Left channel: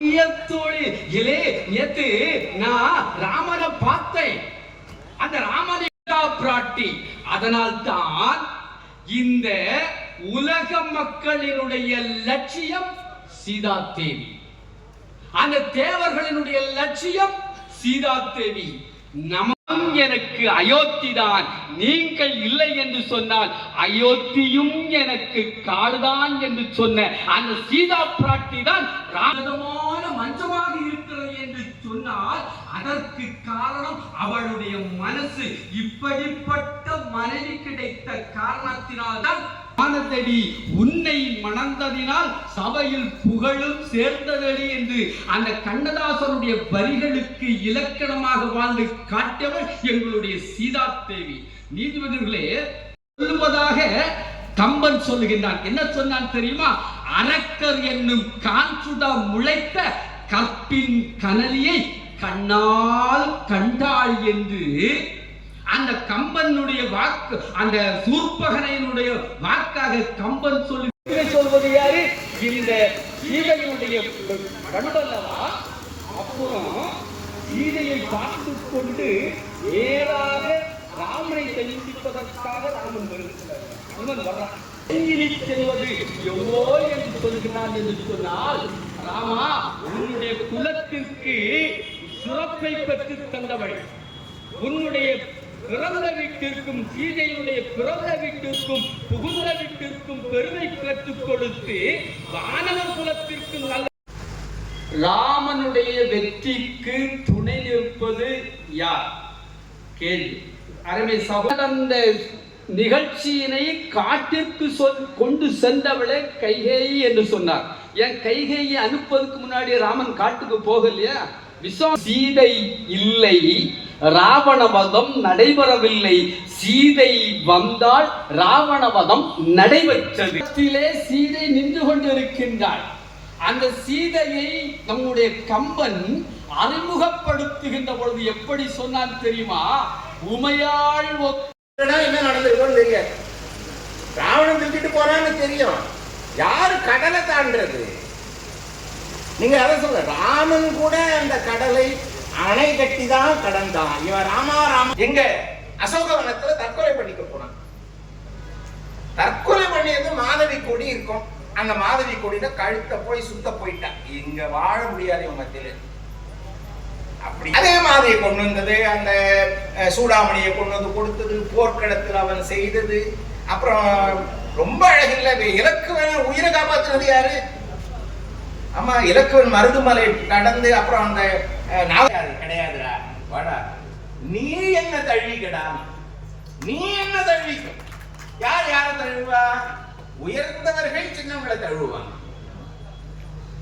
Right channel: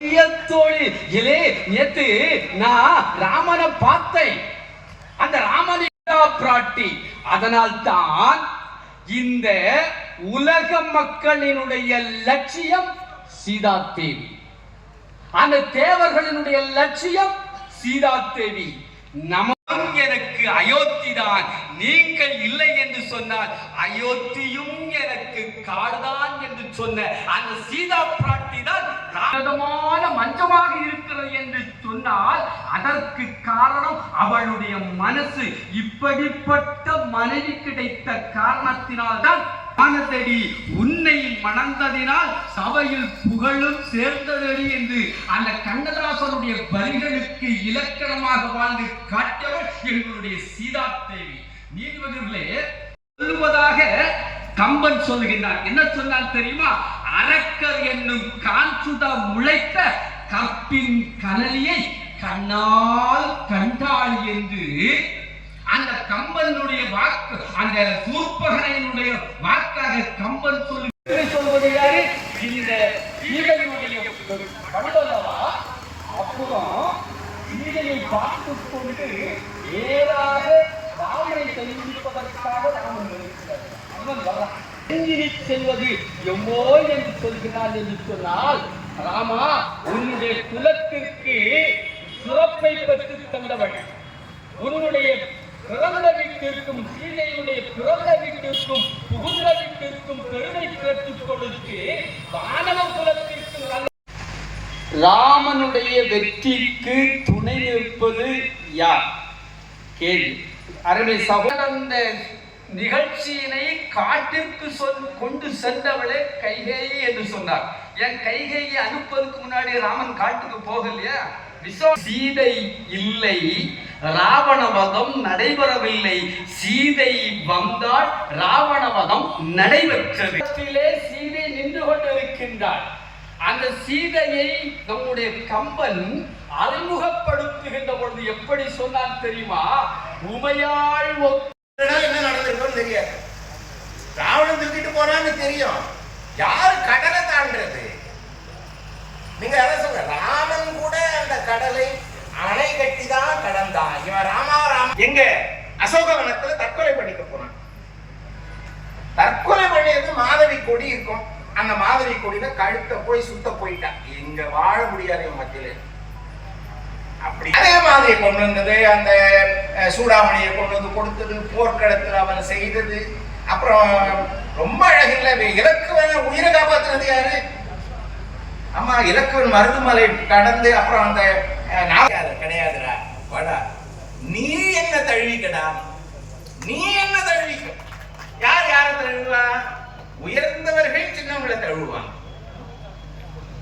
நேத்து நான் ராமனை பார்த்தேன். அந்த ராமனை பிராட்டி. அதனால் தான் இந்த உலக மக்களினுடைய லட்சியம் சீதா தேவி, அந்த தேவர்களினுடைய லட்சியம் சீதா தேவி. நமக்கும் எனக்கு அயோத்தி தான், நீங்கள் இல்லை என்று சொன்னால் அயோத்தியும் எனக்கு காடுதான் என்று சொன்ன அந்த சீதா பிராட்டி தான் மஞ்சமாக இருக்கிறது என்று சொன்னால் அதற்கு காரணம் அவளுடைய மனசு. இப்படிப்பட்ட மனைவி கிடைத்த காரணத்தினால்தான் ஆனதடி உன்னை மணந்ததினால் சபையில் புகழும் சேர்ந்ததடி என்று அந்த கண்ணதாசனுடைய வரிகளுக்கு இலக்கணமாக வாழ்ந்து காட்டியவள் எங்களுடைய சீதா தேவி. நீதிபதிகளே, சொல்லுவதாக கம்பன் சொல்லுகின்றார். என்ன சொன்னார் தெரியுமா? அரக்கர் என்னும் காஞ்சுதா முளைத்த கற்பின் கனலியை கண்ணால் கண்டாய் என்று அந்த கம்பனுடைய வாக்கு, அந்த சூர்பகனையினுடைய வாக்காக கம்பன் சொல்வது யாரு? இந்த சீதையுடைய வண்டலவா. அப்புறம் சீதையை பார்த்து கொண்டு நேராக ராமனை சந்திப்பதற்காக ராமன் வருகிறார். அவன் வர்றான். செல்வது எவ்வளோ என்று சொல்கிறான் என்று சொன்னால், ராமா, உன்னுடைய குலத்திற்கு சிறப்பை பெற்று தந்தவள், உன்னுடைய பிறந்த வீட்டிற்கும் சீதையினுடைய பிறந்த வீட்டிற்கும் புகுந்த வீட்டிற்கும் பெருமை பெற்றுக் கொடுத்து வானவ குலத்திற்கும் நல்ல ராமனுடைய வெற்றிக்கு துணை நிற்பது யார்? கேள்வி. அருமை சகோதர, நிகழ்ச்சியினை காட்டிற்கு கொண்டு சென்றவளே கைகேயி என்று சொன்னார். என் கைகேயி அனுப்பதுக்கு முன்னாடி ராமன் காட்டுக்கு போகலையா? சீதை இல்லை, ராவணவதம் நடைபெறவில்லை. சீதை வந்தால் ராவணவதம் நடைபெற்றது. சீதை நின்று கொண்டிருக்கின்றாள். அந்த சீதையை நம்முடைய கம்பன் அறிமுகப்படுத்துகின்ற பொழுது எப்படி சொன்னான் தெரியுமா? உமையாள் என்ன நடந்திருக்கோம் தெரியாது. ராவணன் தூக்கிட்டு போனான்னு தெரியும். யாரு கடலை தாண்டது? நீங்க அதை சொல்ற. ராமன் கூட அந்த கடலை அணை கட்டி தான் கடந்தான். இவன் ராமா எங்க அசோகவனத்துல தற்கொலை பண்ணிக்க போனான். தற்கொலை பண்ணியது மாதவி கொடி இருக்கும். அந்த மாதவி கொடியில கழுத்தை போய் சுத்த போயிட்டான். இங்க வாழ முடியாது மத்தியில. அப்படி அதே மாதிரி கொண்டு வந்தது, அந்த சூடாமணியை கொண்டு வந்து கொடுத்தது, போர்க்களத்தில் அவன் செய்தது. அப்புறம் ரொம்ப அழகில்ல, இலக்குவன் உயிரை காப்பாற்றுறது யாரு? அம்மா, இலக்குவன் மருதுமலை கடந்து அப்புறம் அந்த கிடையாதுடா, வாடா, நீ என்ன தழுவிக்கடா, நீ என்ன தழுவிக்கும். யார் யாரை தழுவா? உயர்ந்தவர்கள் சின்னவங்களை தழுவான்.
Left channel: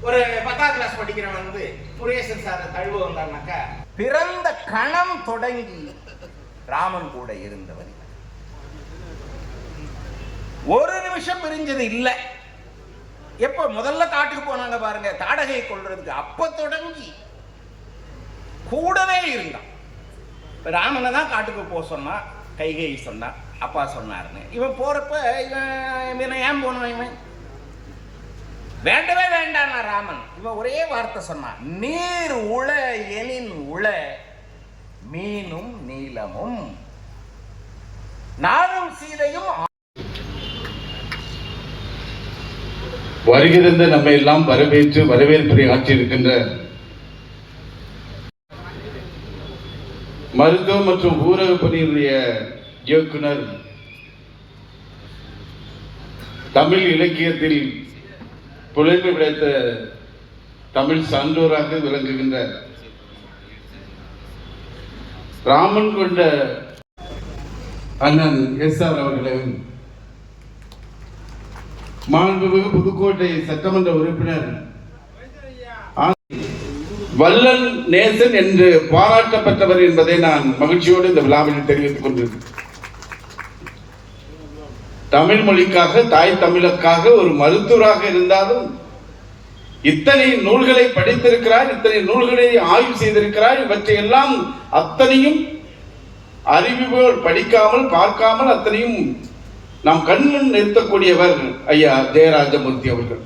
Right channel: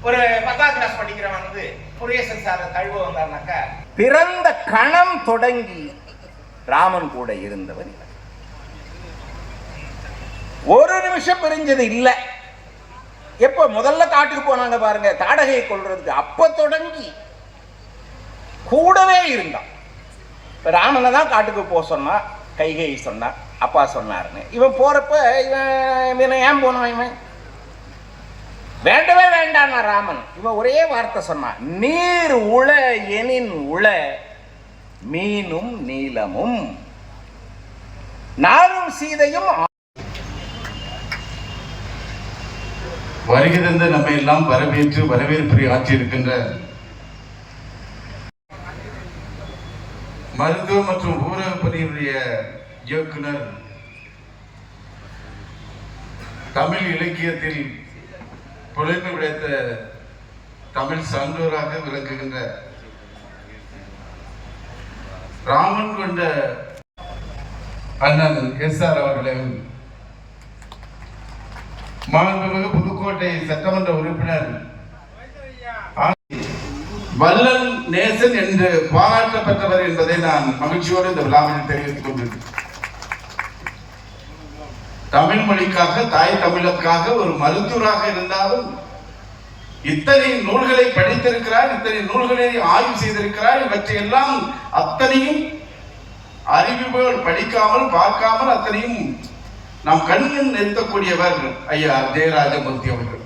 ஒரு 10ஆம் கிளாஸ் படிக்கிறவன் வந்து முருகேசன் சார் தழுவ வந்தாருனாக்கா, பிறந்த கணம் தொடங்கி ராமன் கூட இருந்தவன் ஒரு நிமிஷம் பிரிஞ்சது இல்லை. எப்ப முதல்ல காட்டுக்கு போனாங்க பாருங்க தாடகையை கொள்றதுக்கு, அப்ப தொடங்கி கூடவே இருந்தான். ராமனை தான் காட்டுக்கு போக சொன்னா, கைகேயி சொன்னா, அப்பா சொன்னாருன்னு. இவன் போறப்ப இவன் ஏன் போனான்? இவன் வேண்டவே வேண்டாம் ராமன். இவன் ஒரே வார்த்தை சொன்னான், நீர் உள எனின் உள மீனும் நீலமும் நானும் சீதையும். வருகிறந்த நம்மை எல்லாம் வரவேற்று வரவேற்புரை ஆற்றியிருக்கின்ற மருத்துவ மற்றும் ஊரக பணியுடைய இயக்குனர், தமிழ் இலக்கியத்தில் புலமை கிடைத்த தமிழ் சான்றோராக விளங்குகின்ற ராமன் கொண்ட அண்ணன் எஸ்.ஆர். அவர்களையும், மாண்புமிகு புதுக்கோட்டை சட்டமன்ற உறுப்பினர் வல்லல் நேசன் என்று பாராட்டப்பட்டவர் என்பதை நான் மகிழ்ச்சியோடு இந்த விழாவில் தெரிவித்துக் கொண்டிருக்கிறேன். தமிழ் மொழிக்காக, தாய் தமிழுக்காக ஒரு மருத்துவராக இருந்தாலும் இத்தனை நூல்களை படித்திருக்கிறார், இத்தனை நூல்களை ஆய்வு செய்திருக்கிறார். இவற்றையெல்லாம் அத்தனையும் அறிவிப்போல் படிக்காமல் பார்க்காமல் அத்தனையும் நாம் கண்முன் நிறுத்தக்கூடியவர் ஐயா ஜெயராஜமூர்த்தி அவர்கள்.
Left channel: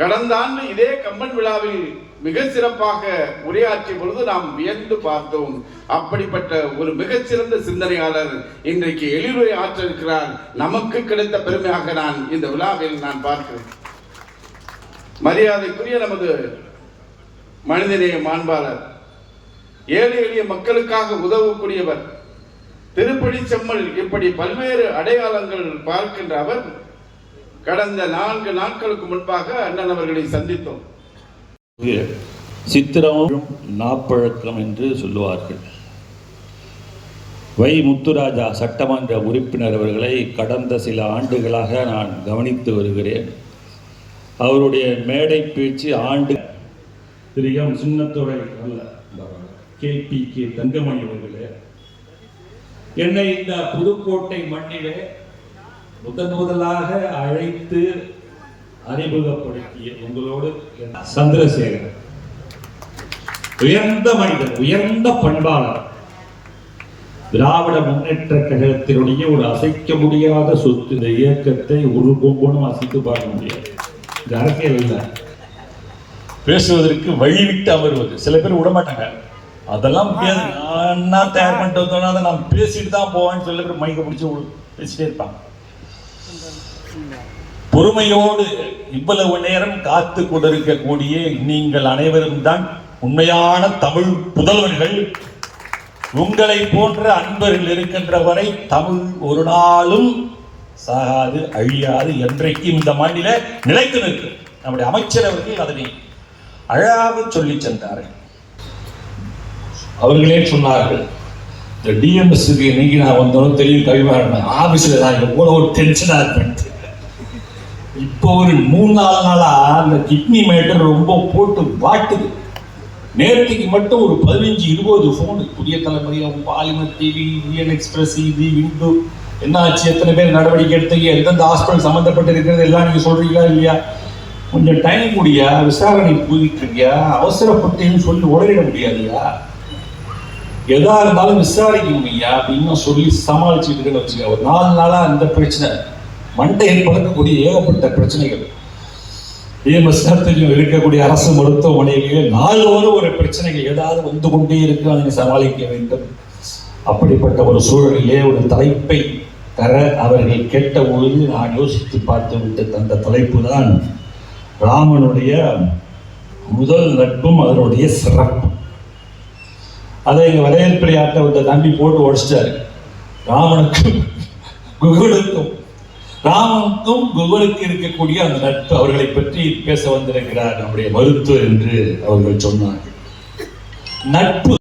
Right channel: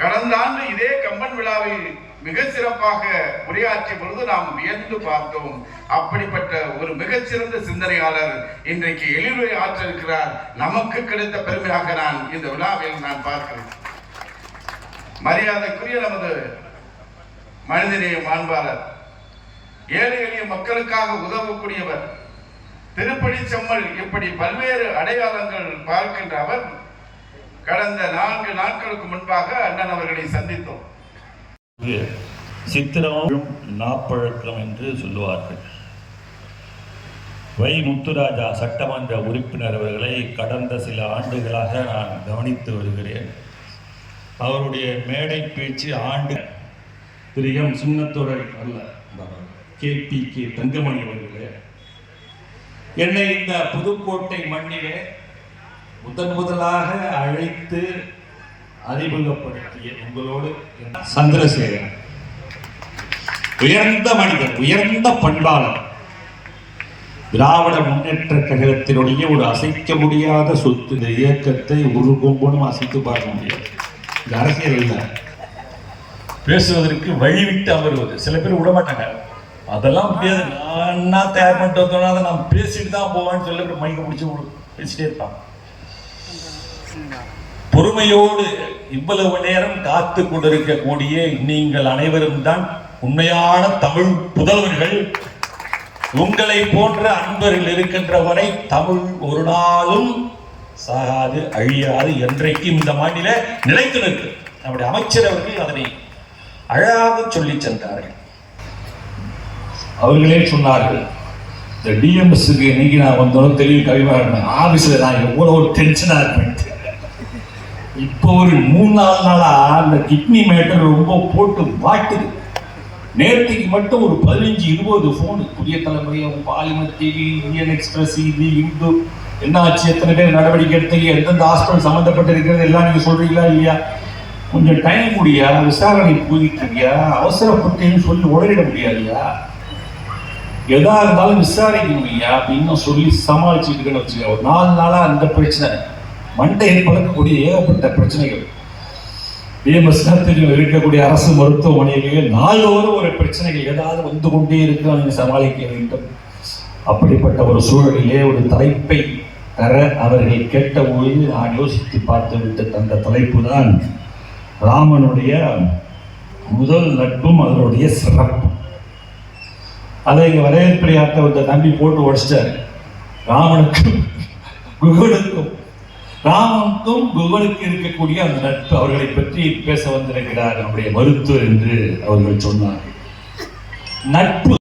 கடந்த ஆண்டு இதே கம்பன் விழாவில் மிக சிறப்பாக உரையாற்றிய பொழுது நாம் வியந்து பார்த்தோம். அப்படிப்பட்ட ஒரு மிகச்சிறந்த சிந்தனையாளர் இன்றைக்கு எளிவுரை ஆற்றிருக்கிறார். நமக்கு கிடைத்த பெருமையாக நான் இந்த விழாவில் பார்க்கிறேன். மரியாதைக்குரிய நமது மனிதநேய மாண்பாளர், ஏழை எளிய மக்களுக்காக உதவக்கூடியவர், திருப்படி செம்மல், இப்படி பல்வேறு அடையாளங்கள் பார்க்கின்ற அவர் கடந்த 4 நாட்களுக்கு முன்பாக அண்ணன் அவர்களை சந்தித்தோம். சித்திரம் நாப்பழக்கம் என்று சொல்லுவார்கள். வை முத்துராஜா சட்டமன்ற உறுப்பினர் அவர்களை கடந்த சில ஆண்டுகளாக நான் கவனித்து வருகிறேன். அவருடைய மேடை பேச்சு ஆண்டு திரு எம் சின்னத்துறை அல்ல, KPK தங்கமணி அவர்களே, என்னை இந்த புதுக்கோட்டை மண்ணிலே முதலாக அழைத்து அறிமுகப்படுத்திய உங்களோடு சந்திரசேகரன், உயர்ந்த மனிதர், உயர்ந்த பண்பாளர், திராவிட முன்னேற்ற கழகத்தினுடைய ஒரு அசைக்க முடியாத சொத்து. இந்த இயக்கத்தை ஒரு கொம்பனும் அசைத்து பார்க்க முடியாது. இந்த அரசியல் இல்லை, பேசுவதற்கு வழிவிட்டு அமர்வது. சில பேர் விடமாட்டாங்க, அதெல்லாம் முடியாது, நான் தயார் பண்ணிட்டு வந்தோம்னா அதை நான் பேசிட்டு தான் போவேன்னு சொல்லி மைக்க பிடிச்சி பேசிட்டே இருப்பான். பொறுமையோடு இவ்வளவு நேரம் காத்து கொண்டிருக்கக்கூடிய நீங்கள் அனைவரும் தான் உண்மையான தமிழ் புதல்வர்கள். உங்களை போன்ற அன்பர்கள் இருக்கின்ற வரை தமிழ் ஒரு நாளும் சாகாது, அழியாது, என்றைக்கு இந்த மண்ணில நிலைத்து நிற்கும். நம்முடைய அமைச்சர் அவர்கள் அதனை அழகாக சொல்லி சென்றார்கள். அவர்களே சொன்னார்கள், இந்த டிஎம்எஸ்க்கு நீங்க நான் வந்தாலும் தெரியும், கவிமாறன் ஆபீஸ்ல நான் எவ்வளவு டென்ஷனா இருப்பேன். இப்போ ஒரு 3-4 நாளா அந்த கிட்னி மேட்டர் ரொம்ப போட்டு வாட்டுது. நேரத்துக்கு மட்டும் ஒரு 15-20 போன், புதிய தலைமுறை, பாலிமர் டிவி, இந்தியன் எக்ஸ்பிரஸ், இது இந்து, என்ன ஆச்சு, எத்தனை பேர் நடவடிக்கை எடுத்தீங்க, எந்தெந்த ஹாஸ்பிட்டல் சம்மந்தப்பட்டு இருக்கிறது எல்லாம் நீங்க சொல்றீங்களா இல்லையா, கொஞ்சம் டைம் முடியா, விசாரணை போயிட்டு இருக்கியா, அவசரப்பட்டேன்னு சொல்லி உடலிட முடியாதுயா, எதா இருந்தாலும் விசாரிக்க முடியா அப்படின்னு சொல்லி சமாளிச்சுட்டு வச்சுக்க. ஒரு 4 நாளா அந்த பிரச்சனை மண்டையில் பழக்கக்கூடிய ஏகப்பட்ட பிரச்சனைகள். டிஎம்எஸ் இருக்கக்கூடிய அரசு மருத்துவமனையிலேயே நாளோடு ஒரு பிரச்சனைகள் ஏதாவது வந்து கொண்டே இருக்கு, அதை சமாளிக்க வேண்டும். அப்படிப்பட்ட ஒரு சூழலிலே ஒரு தலைப்பை தர அவர்கள் கேட்டபோது நான் யோசித்து பார்த்து விட்டு தந்த தலைப்பு தான் ராமனுடைய முதல் நட்பும் அதனுடைய சிறப்பு. அதை இங்க வரவேற்பிரையாட்ட வந்த தம்பி போட்டு உடைச்சிட்டாரு. ராமனுக்கும் குகனுக்கு இருக்கக்கூடிய அந்த நட்பு, அவர்களை பற்றி பேச வந்திருக்கிறார் நம்முடைய மருத்துவர் என்று அவர்கள் சொன்னார்கள். நட்பு